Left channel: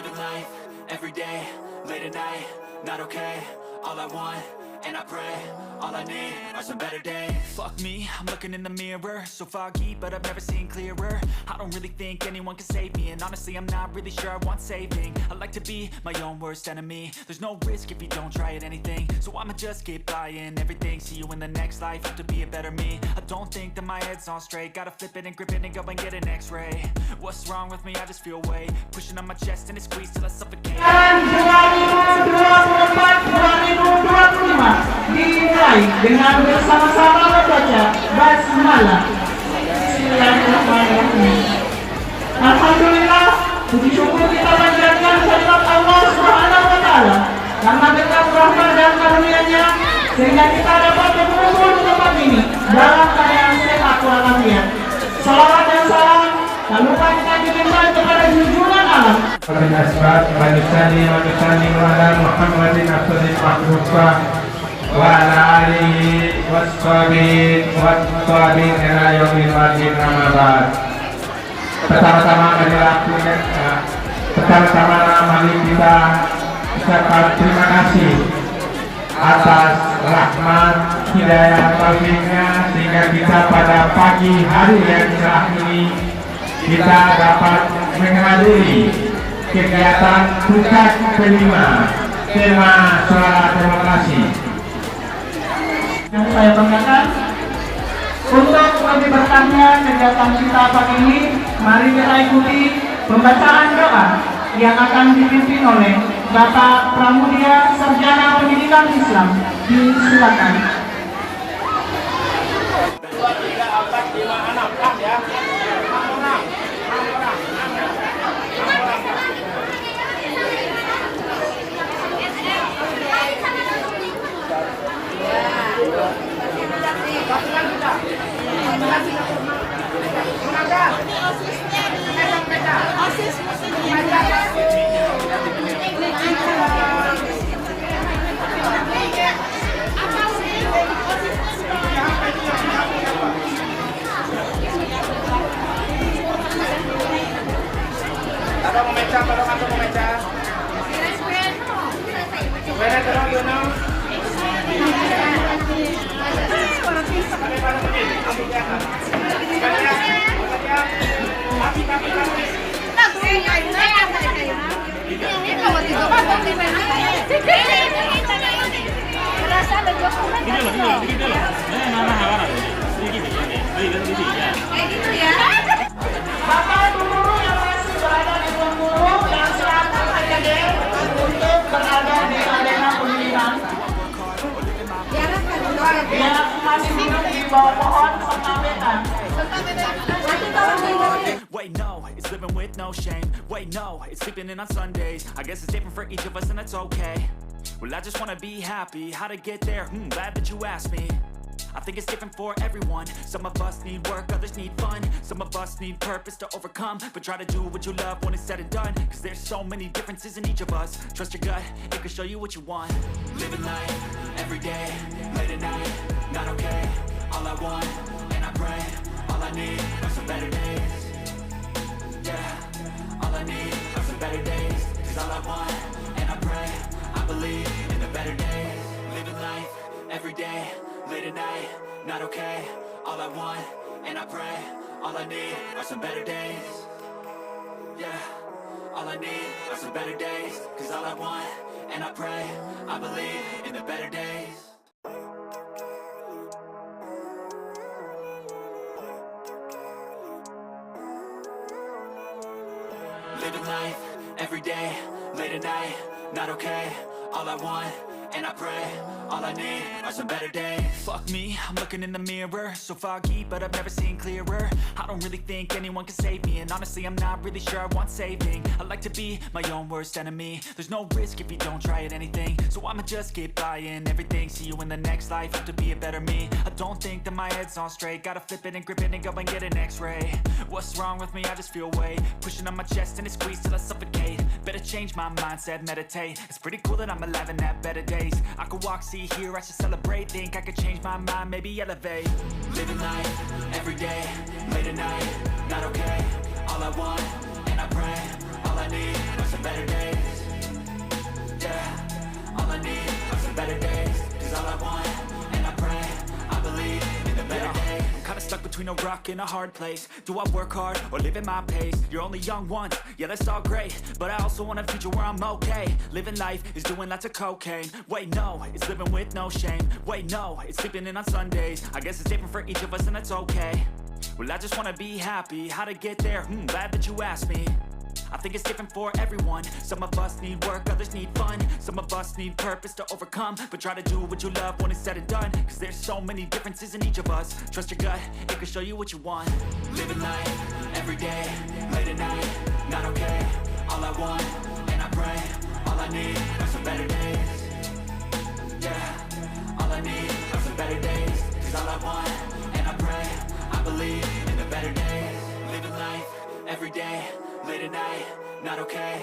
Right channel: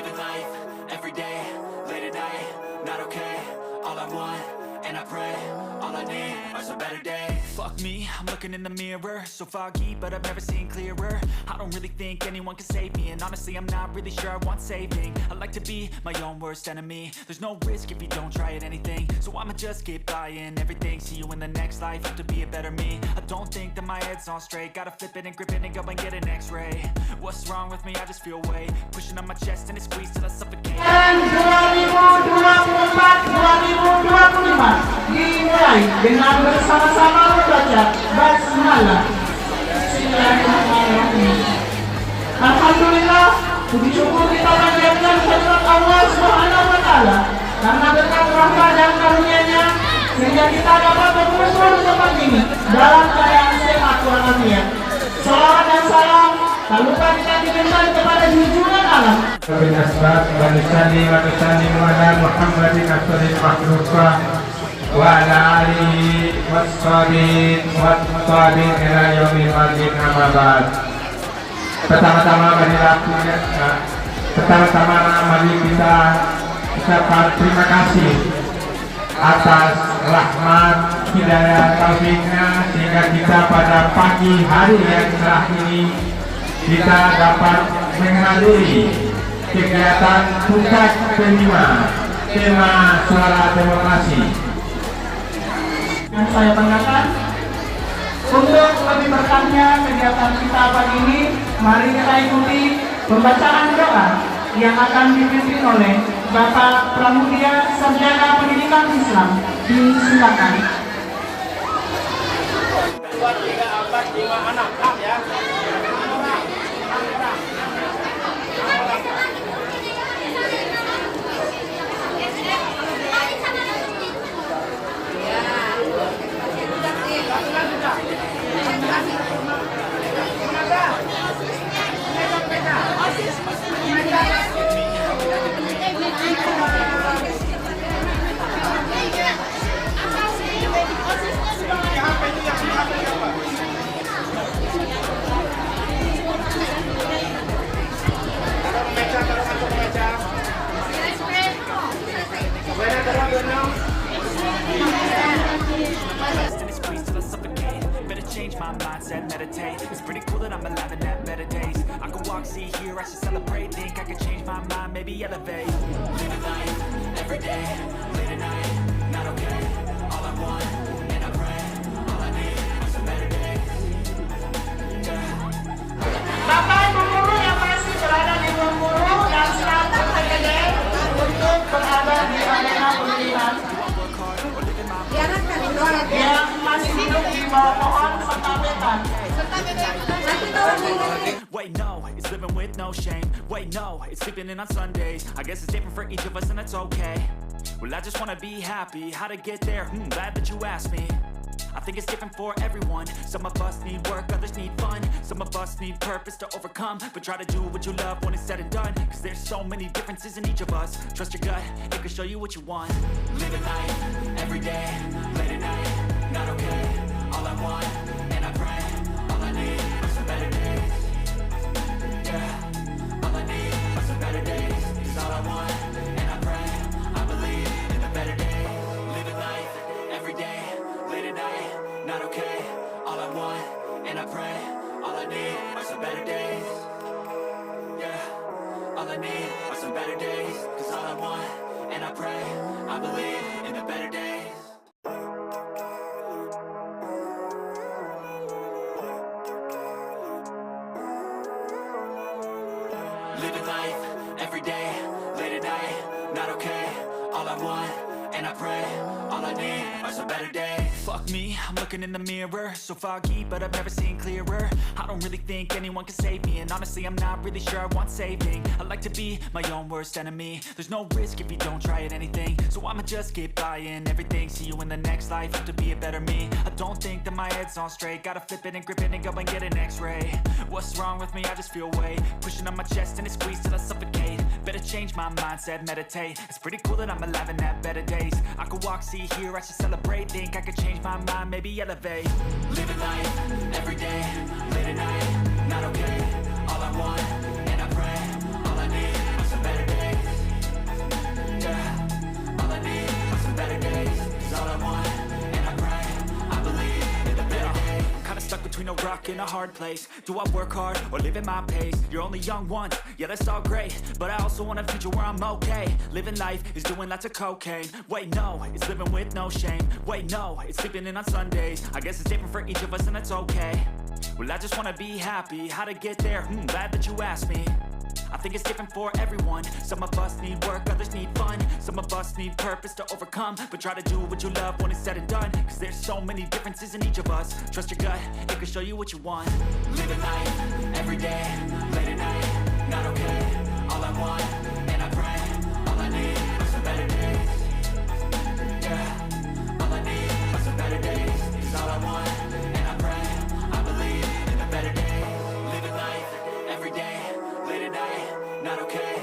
Living life, every day, late at night, not okay. All I want, and I pray, all I need are some better days. Fuck me, I'm looking in the mirror, so foggy, but I've never seen clearer. I don't really think anyone can save me, and honestly I'm not really sure I want saving. I like to be my own worst enemy. There's no risk if you don't try at anything, so I'ma just keep buying everything. See you in the next life, have to be a better me. I don't think that my head's on straight, gotta flip it and grip it and go and get an x-ray. What's wrong with me? I just feel weight pushing on my chest and it squeezes till I suffocate. 2024-2025 dimulai dengan bersama-sama membaca basmalah. Bismillahirrahmanirrahim. Alhamdulillah, puji syukur kita panjatkan kehadirat Allah Subhanahu wa taala karena berkat rahmat dan karunia-Nya sehingga kita dapat berkumpul di tempat ini dalam keadaan sehat walafiat. Salawat dan salam tak lupa kita diberikan kepada junjungan alam Muhammadin asrul makhluqa wa ala alihi washabihi wattabin ila yaumil qiyamah amma ba'd. Pertama-tama mari kita ucapkan terima kasih atas rahmat hidayah taufiknya sehingga kita pada pagi hari yang cerah ini kita dapat menghadiri kegiatan puncak kelima tema Suara Demokrasi. Yang saya banggakan untuk lebih berkahnya kegiatan kita pagi ini, mari kita ikuti pembacaan doa yang akan dipimpin oleh Bapak Pramudia Sarjana Pendidikan Islam. Disilakan. 2, 3, 4, 5, 6 ya. Bapak guru yang masih berada di ruang guru dan silakan hadir untuk berada di arena pemilihan. Yang masih duduk di bawah pohon serta wetan. Wait, no, it's living with no shame. Wait, no, it's sleeping in on Sundays. I guess it's different for each of us and that's okay. Well, I just wanna be happy. How to get there? Glad that you asked me. I think it's different for everyone. Some of us need work, others need fun. Some of us need purpose to overcome. But try to do what you love when it's said and done. Cause there's so many differences in each of us. Trust your gut, it can show you what you want. Living life, every day, late at night, not okay. All I want, and I pray, all I need are some better days. Yeah, all I need are some better days. Cause all I want, and I pray, I believe in the better days. Living life, every day, late at night, not okay. All I want, and I pray, all I need are some better days. Yeah, all I need are some better days. Cause all I want, and I pray, I believe in the better days. Living life, every day, late at night, not okay. All I want, and I pray, all I need are some better days. Fuck me, I'm looking in the mirror, so foggy, but I've never seen clearer. I don't really think anyone can save me, and honestly I'm not really sure I want saving. I like to be my own worst enemy. There's no risk if you don't try at anything, so I'ma just keep buying everything. See you in the next life, have to be a better me. I don't think that my head's on straight, gotta flip it and grip it and go and get an x-ray. What's wrong with me? I just feel weight pushing on my chest and it squeezes till I suffocate. Better change my mindset, meditate. It's pretty cool that I'm alive and have better days. I could walk, see, hear, I should celebrate. Think I could change my mind, maybe elevate. Living life, every day, late at night, not okay. All I want, and I pray, all I need are some better days. Yeah, all I need are some better days. Cause all I want, and I pray, I believe in the better days. I'm kinda stuck between a rock and a hard place. Do I work hard or live at my pace? You're only young once, yeah that's all great, but I also want a future where I'm okay. Living life is doing lots of cocaine. Wait no, it's living with no shame. Wait no, it's sleeping in on Sundays. I guess it's different for each of us and that's okay. Well I just wanna be happy, how to get there? Glad that you asked me. I think it's different for everyone. Some of us need work, others need fun. Some of us need purpose to overcome. But try to do what you love when it's said and done. Cause there's so many differences in each of us. Trust your gut, it can show you what you want. Living life, every day, late at night, not okay. All I want, and I pray, all I need are some better days. Yeah, all I need are some better days. Cause all I want, and I pray, I believe in the better days. Living life, every day, late at night, not okay.